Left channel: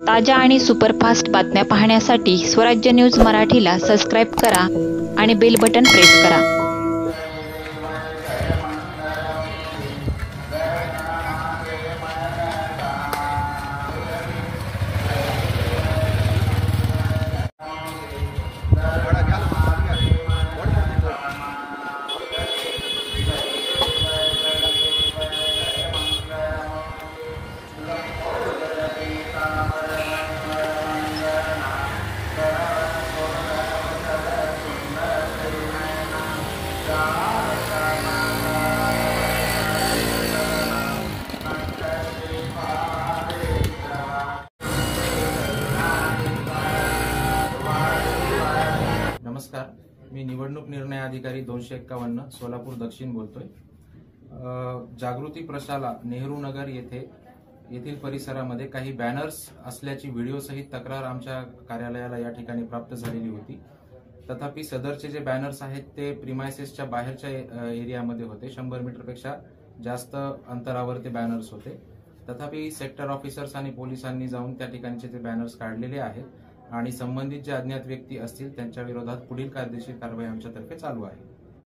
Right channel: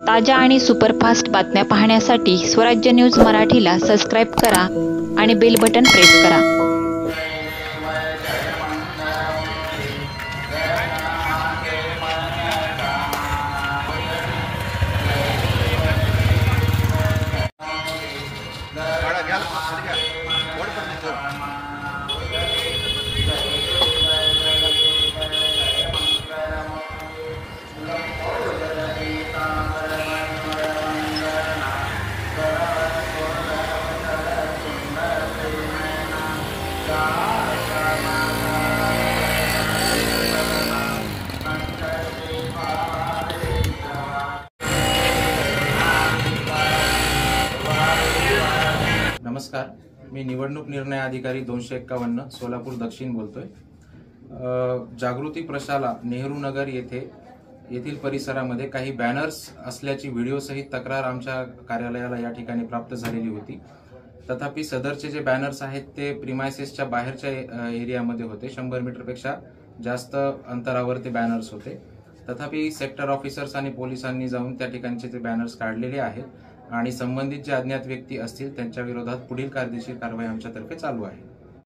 ताज्या आणि सुपरफास्ट बातम्या पाहण्यासाठी स्वराज्य न्यूज मराठीला सबस्क्राईब करा आणि बेल बटन प्रेस करा। नमस्कार, मी निवडणूक निर्णय अधिकारी 251 सोलापूर दक्षिण बोलतोय। जागृती प्रशाला नेहरू नगर येथील परिसरामध्ये काही बॅनर्स असल्याची व्हिडिओ सहित तक्रार आमच्या कार्यालयाला या ठिकाणी प्राप्त झालेली होती। तथापि सदरचे जे बॅनर्स आहेत ते प्रिमायसेसच्या बाहेरच्या एरियामध्ये होते। 100 मीटरपेक्षा जास्त अंतरावर ते बॅनर्स होते। तथापि सेक्टर ऑफिसर्स आणि पोलिसांनी जाऊन त्या ठिकाणचे ते बॅनर्स काढलेले आहेत आणि संबंधित जे अज्ञात व्यक्ती असतील त्यांच्या विरोधात पुढील कायदेशीर कारवाई आमच्यातर्फे चालू आहे।